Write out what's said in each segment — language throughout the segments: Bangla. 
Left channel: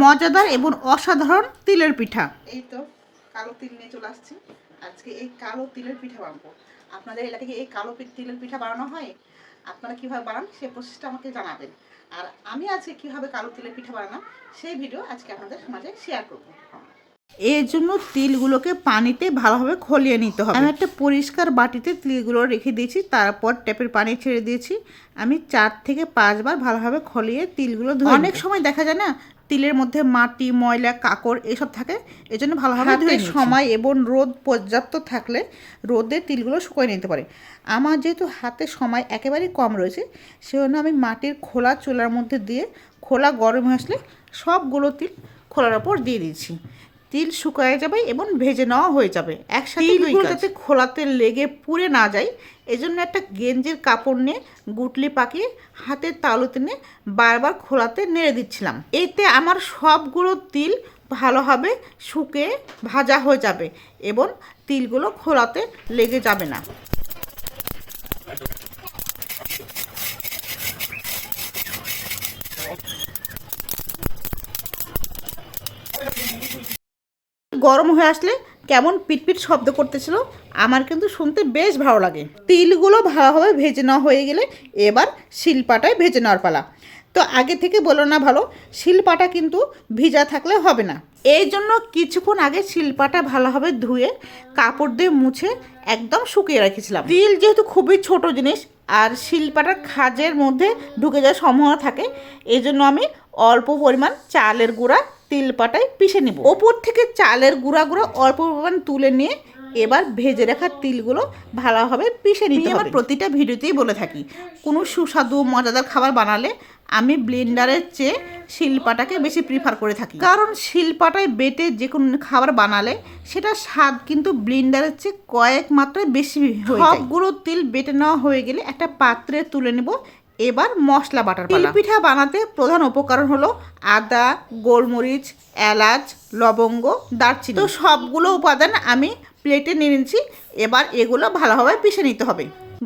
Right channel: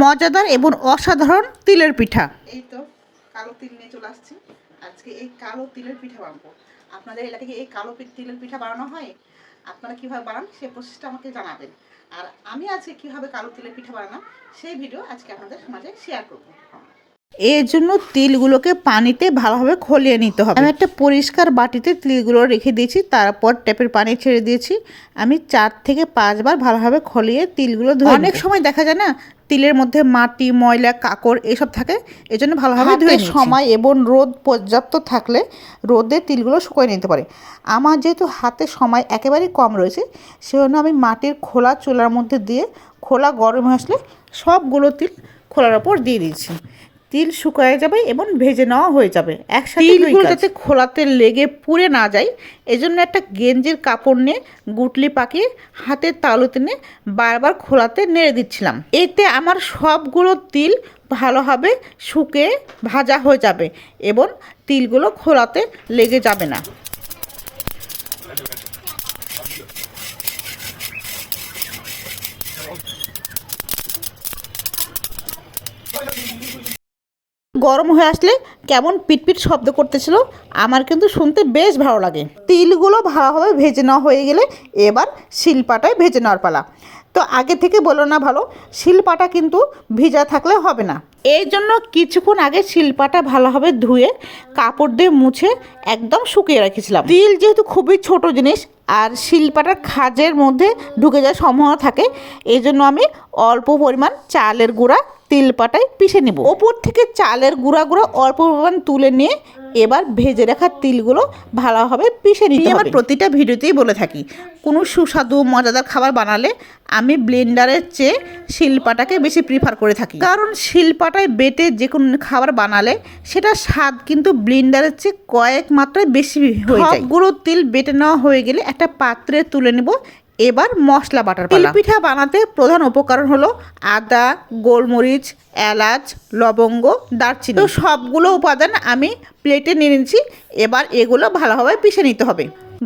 মজাদার এবং অসাধারণ তিলের পিঠা। এই তো কালো তিল নিয়ে চলে আসছি। আজকে এই কালো তিলের পিঠা বানাবো। আপনাদের এলাকায় থেকে এই কালো তিলের পিঠা বানানো হয়? আপনারা কীভাবে বানান সে প্রসেসটা আমাকে জানাবেন। আর আমি আজকে কীভাবে কালো তিলের পিঠা বানালাম, সেই ভিডিও আজকে আপনাদের সমাজে শেয়ার করব। এর জন্য তিলগুলোকে পানিতে ভালোভাবে খলিয়ে নিতে হবে। আমি একটা পরিষ্কার বাটিতে তিলগুলো রেখে দিয়েছি তারপর ট্যাপের পানি ছেড়ে দিয়েছি। আমি চার থেকে পাঁচবার ভালোভাবে খলিয়ে তিলগুলো ধুয়ে অনেক সময় দেখা যায় না তিলের মধ্যে মাটি ময়লা কাকড় এসব থাকে এই জন্য ভালোভাবে ধুয়ে সময় এবং রোদ পর্যাপ্ত থাকলে রোদে তিলগুলো শুকিয়ে নিতে পারে। আমার যেহেতু হাতে সময় একেবারেই কম রয়েছে সেজন্য আমি মাটির খোলা চুলার মধ্যে দিয়ে খোলা গরম আসলে সবগুলো তিল খোলার ওপর দিয়ে দিয়েছি। তিল শুকায় যাবে এবং ভেজে নেওয়া হয়ে যাবে। একসাথে তিলগুলো যাতে খোলাতে লেগে পুড়ে না যায় এজন্য একটা গেঞ্জের কাপড় নিয়ে গুটলি পাকিয়ে হাতের তালুতে নিয়ে বারবার খোলাতে নেড়ে দিচ্ছিলাম। এতে আমার সবগুলো তিল ভালোভাবে শুকে ভাজা হয়ে যাবে এবং তিলগুলো খোলাতে লেগে যাবে না। গরম হয়ে আসলে কেমন পিটপিট শব্দ করতেছিল, আমার কিন্তু শুনতে বেশ ভালো লাগে। তিলগুলো ভালোভাবে ভেজে নেওয়া হয়ে গেলে এবার শিলপাটায় ভেজে নেওয়ার পালা। তো আগে থেকে বলো না ভালো, শিলপাটা কিন্তু ভিজা থাকলে হবে না। এই জন্য কিছুক্ষণ আগে শিলপাটা ভালোভাবে ধুয়ে কাপড় দিয়ে মুছে একদম শুকিয়ে রেখেছিলাম। তিল যেহেতু খুবই ছোট জিনিস, আর শিলপাটার খাজের মধ্যে ঢুকে যাওয়ার সম্ভাবনা থাকে, এই জন্য আমি অল্প পরিমাণ চালের গুঁড়া তিল পাটায় পিষে নিব। ওপর থেকে চালের গুঁড়া গুঁড়া অল্প পরিমাণ তুলে নিয়ে এবার ভেজে রাখা তিলগুলো ভালোভাবে পিষে নিতে হবে। প্রতিটা ভিডিওতেই বলে থাকি কোনো সুস্বাদু মজাদার খাবার বানালে আমি ব্লেন্ডারের চেয়ে শিলপাটাকে বেশি প্রিফার করে থাকি। কারণ শিলপাটায় বেটে যে কোনো খাবার বানালে সেটা স্বাদ কিন্তু ব্লেন্ডারের চেয়ে কয়েক মাত্রায় বেশি হয়ে যায়। সবগুলো তিল বেটে নেওয়া হয়ে গেলে একটা পাত্রে তুলে নেব এবার মশলা বাটার তেল পিঠা বানাতে প্রধান উপকরণ হলো আদা, গোলমরিচ, এলাচ, লবঙ্গ, দারচিনি। তো সবগুলো উপাদান আমি প্লেটে নিয়ে নিচ্ছি এবার এগুলো ভালোভাবে পিষে নিতে হবে।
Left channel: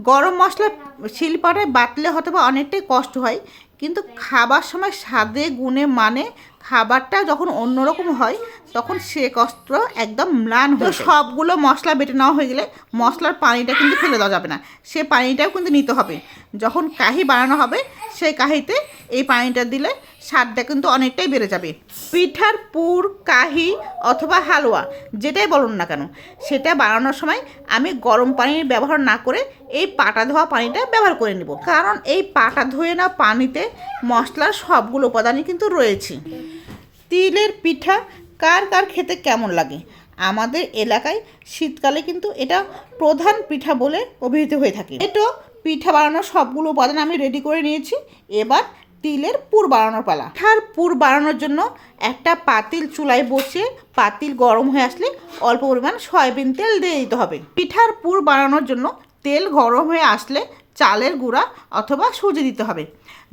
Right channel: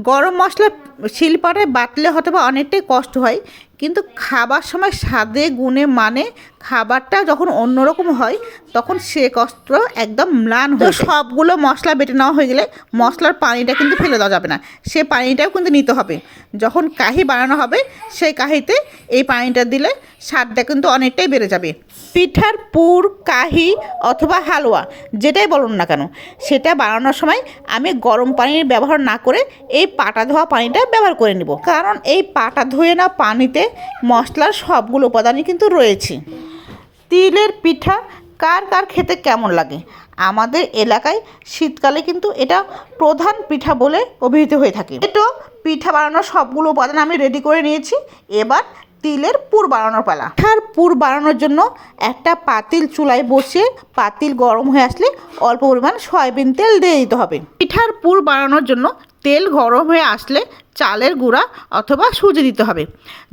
গরম মশলা শিলপাটায় বাটলে হয়তো বা অনেকটাই কষ্ট হয়, কিন্তু খাবার সময় স্বাদে, গুণে মানে খাবারটা যখন অন্যরকম হয়, তখন সে কষ্ট একদম ম্লান হয়ে সবগুলো মশলা বেটে নেওয়া হয়ে গেলে মশলার পানিটা কিন্তু ফেলে দেওয়া যাবে না। সে পানিটাও কিন্তু নিতে হবে। যখন কাহি বানানো হবে, সেই কাহিতে এই পানিটা দিলে স্বাদটা কিন্তু অনেকটাই বেড়ে যাবে। পিঠার পুর, কাহি অথবা হালুয়া, যেটাই বলুন না কেন, সেটা বানানোর সময় আমি গরম পানির ব্যবহার না করে এই পাটা ধোয়া পানিটা ব্যবহার করে নিব। কারণ এই পাটা ধুয়ে না পানিতে মশলার সবগুলো উপাদানই কিন্তু রয়েছে। তিলের পিঠা কার কার খেতে কেমন লাগে? আমাদের এলাকায় শীতকালে কিন্তু এটা প্রধান পিঠা বলে অভিহিত হয়ে থাকে। এটা পিঠা বানানোর সবগুলো উপাদান আমি রেডি করে নিয়েছি। এবার তিলের পুর বানানোর পালা। পিঠার পুর বানানোর জন্য একটা পাতিল চুলায় বসিয়ে পাতিল গরম হয়ে আসলে অল্প পরিমাণ সয়াবিন তেল দিয়ে দিতে হবে। পিঠার পুর বানানোর জন্য তেল গরম হয়ে আসলে চালের গুঁড়া অথবা সুজি দিতে হবে।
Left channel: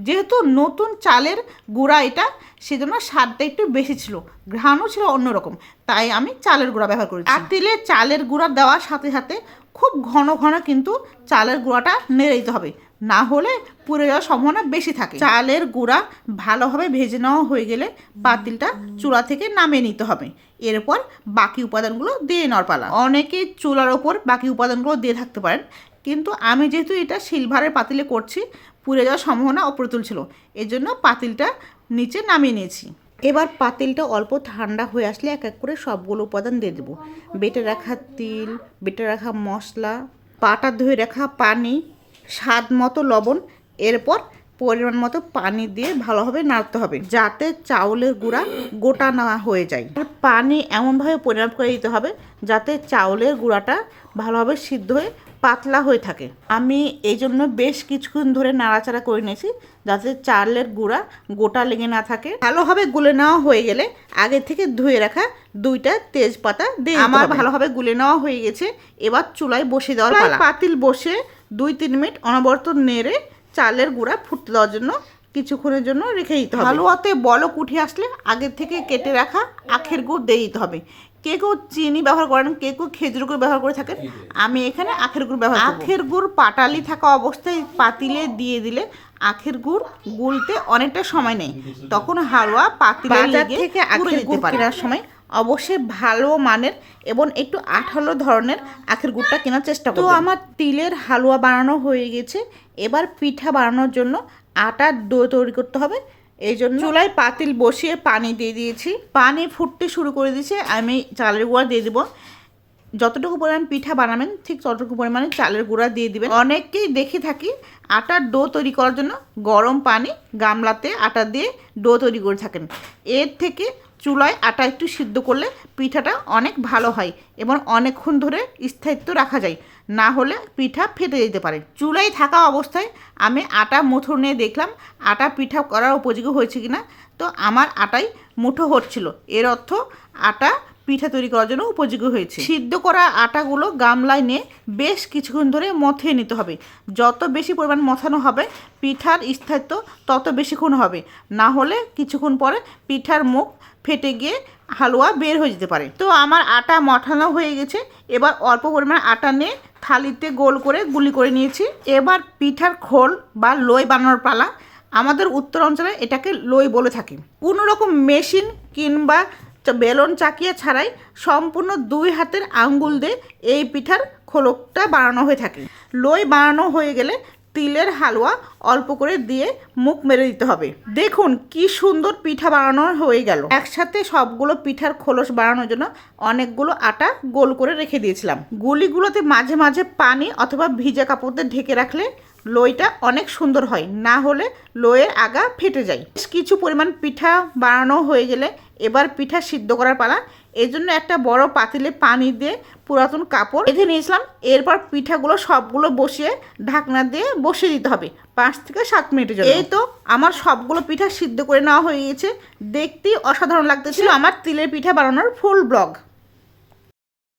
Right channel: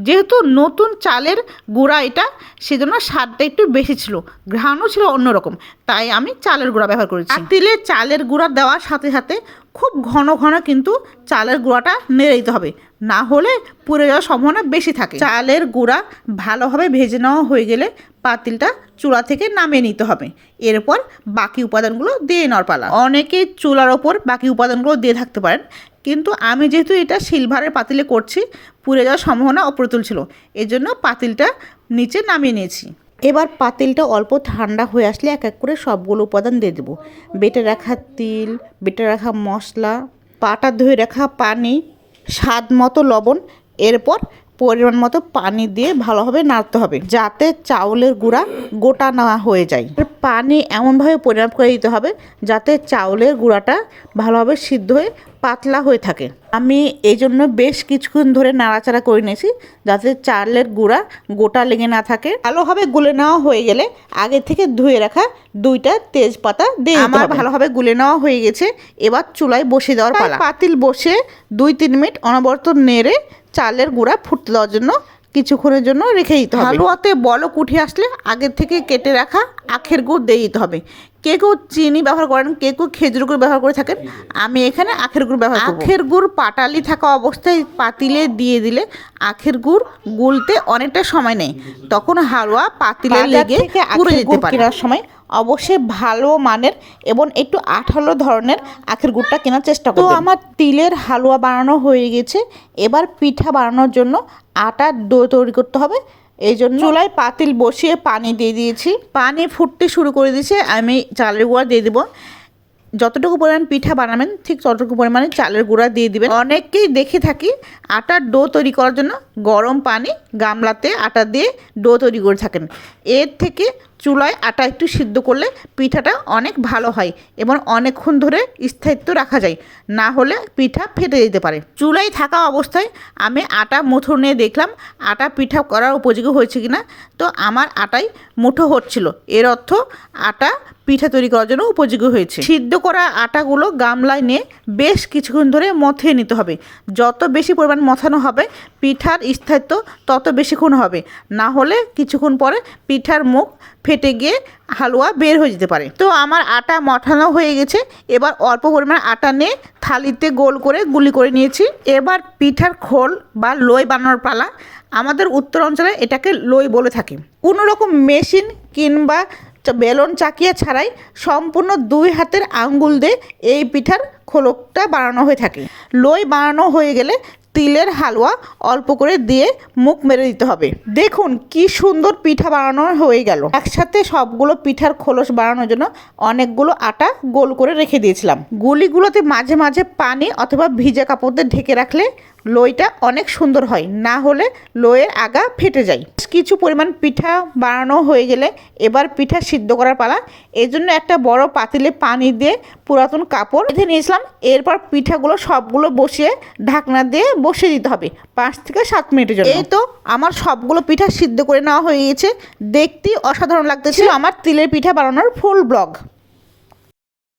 যেহেতু নতুন চালের গুঁড়া এটা, সেজন্য স্বাদটা একটু বেশি ছিল, ঘ্রাণও ছিল অন্যরকম, তাই আমি চালের গুঁড়া ব্যবহার করেছি। তিলে চালের গুঁড়া দেওয়ার সাথে সাথে খুব ঘন ঘন কিন্তু চালের গুঁড়াটা নেড়ে দিতে হবে, না হলে পুড়ে যাওয়ার সম্ভাবনা বেশি থাকে। চালের গুঁড়া ভালোভাবে ভেজে নেওয়া হয়ে গেলে পাতিলটা চূড়া থেকে নামিয়ে নিতে হবে। এরপর বাকি উপাদানগুলো দিয়ে নেওয়ার পালা। অনেকে চুলার ওপর বাকি উপাদানগুলো দিয়ে থাকতে পারেন। কিন্তু আমি যেহেতু এটা সিলভারের পাতিলে করছি, পুড়ে যাওয়ার সম্ভাবনা অপ্রতুল ছিল। এজন্য পাতিলটা নিচে নামিয়ে নিয়েছি। এবার পাতিলটা অল্প ঠান্ডা হয়ে আসলে এক এক করে সবগুলো উপাদান দিয়ে দেবো। বেটে রাখা তিল, বেটে রাখা মশলা পাটা ধুয়ে রাখা পানি, স্বাদ মতো লবণ, এরপর পরিমাণ মতো পানি দিয়ে ভালোভাবে নাড়তে হবে যাতে চাউলের গুঁড়া গোটা না হয়ে যায়। পানি এমনভাবে পরিমাপ করে দিতে হবে যাতে চাউলের গুঁড়াটা ভালোভাবে সিদ্ধ হয়ে পাতলা হয়ে থাকে। আমি এই জন্য বেশ কিছুক্ষণ ধরে নাড়াচাড়া করে নিয়েছি যাতে চালের গুঁড়া গোটা লেগে না থাকে। ভালোভাবে গুলে নেওয়া হয়ে গেলে আগে থেকে ধুয়ে রাখা দুইটা তেজপাতা দিয়ে আমার ভালোভাবে গুলে নেওয়া হয়ে গেছে। এবার চুলায় বসিয়ে দেওয়ার পালা। পাতিল বসে দুই তিন মিনিট অনবরত নেড়ে চালের গুঁড়া ফুটতে দেওয়ার জন্য কিছুক্ষণের জন্য রেখে দিতে হবে। হালুয়াতে বলক উঠে আসলে আগের থেকে কেটে রাখা আখের গুড় দিয়ে দিতে হবে। কে কেউ চিনি ব্যবহার করেন কে কেউ খেজুর গুড় ব্যবহার করে থাকেন। আমি এখানে আখের গুড় ব্যবহার করব। আখের গুড় পাটালি থাকা অবস্থায় পাতিলে দিয়ে দিলে আখের গুড় গুলতে অনেকটা সময় নেয়। তখন হালুয়া পাতিলে লেগে পুড়ে যেতে পারে। কেনার সময় অবশ্যই ভালো মানের এবং একটু আঠালো ধরনের আখের গুড়টা কেনার চেষ্টা করবেন। তো আমার তিলের হালুয়া বানানো হয়ে গেছে। এবার পিঠা বানানোর জন্য আটার ডো তৈরি করতে হবে। এই জন্য চুলায় পাতিল বসিয়ে পানি দিয়ে দিয়েছি। পানি ফুটতে শুরু করে দিয়েছে, আমি চালের গুঁড়া দিয়ে দেবো। যতটুকু পরিমাণ পিঠা বানাবেন, ঠিক ততটুকু পরিমাণে চালের গুঁড়া দিয়ে দিবেন। অনেককেই দেখে থাকি, আটার ডো তৈরি করার জন্য গরম পানি গামলাতে আটা দিয়ে ডো তৈরি করে থাকেন। এর থেকে চুলায় আটা একটু সিদ্ধ করলে পিঠাটা অনেক ভালো হয় এবং অনেকক্ষণ ধরে স্থায়িত্ব রাখা যায়। না হলে পিঠা ফেটে যেতে পারে। চুলায় থাকা অবস্থায় আমি আটা মুঠো নিয়ে দেখলাম, আটা পিঠা করার উপযোগী হয়েছে কিনা? তো আমার আটাই মুঠো হচ্ছিল। এর অর্থ আটা পিঠা তৈরি করার জন্য উপযোগী হয়েছে। সিদ্ধ করা আটাগুলো গামলায় নিয়ে বেশ কিছুক্ষণ ধরে মথিয়ে নিতে হবে। যত বেশি পরিমাণ মথানো হবে পিঠার স্থায়িত্ব তত বেশিক্ষণ হবে। না হলে কিছুক্ষণ পরে পিঠার মুখ ফেটে গিয়ে হালুয়া বের হয়ে যেতে পারে। তো আমার আটা মঠানো হয়ে গেছে। এবার অল্প পরিমাণ আটা নিয়ে থালিতে গোল করে গুলি করে নিয়েছি। এবার পিঠার খোল বা লই বানানোর পালা। আমাদের উত্তর অঞ্চলে এটাকে লই বলে থাকি। কোনো রকম মেশিন কিংবা বেলন চাকিয়া ছাড়াই সম্পূর্ণ দুই হাতের আঙ্গুল দিয়ে এই পিঠার খোলকটা বানানো হয়ে থাকে। লই বানানো হয়ে গেলে তিলের হালুয়া অল্প করে দিয়ে মুখ মেরে দিতে হবে। দেখুন কি সুন্দর পিঠা বানানো হয়ে গেল। একসাথে সবগুলো পিঠার খোলস বানানোর জন্য অনেকগুলো আটা গোল করে রেখে দিয়েছিলাম। গুলিগুলোতে মাঝে মাঝে পানি অথবা ভিজা কাপড় দিয়ে ঢেকে রাখলে লইটা অনেক সুন্দর হয়। না হলে লইয়ের আগা ফেটে যায়। কিছু পরিমাণ পিঠা বানানো হয়ে গেলে এবার পিঠা সিদ্ধ করার পালা। এই জন্য একটা বড় পাতিলে পানি দিয়ে পুরাতন কাপড় রেখে নিয়েছিলাম। এরপর পিঠাগুলো সবগুলো বসিয়ে ঢাকনা দিয়ে বসিয়ে দিতে হবে পাঁচ থেকে সাত মিনিটের জন্য। এই তো আমার সবগুলো পিঠা সিদ্ধ করে নেওয়া হয়ে গেছে দেখতেই অসাধারণ লাগতেছিল আমার তিলের পিঠা বানানোর ফুল ব্লগ।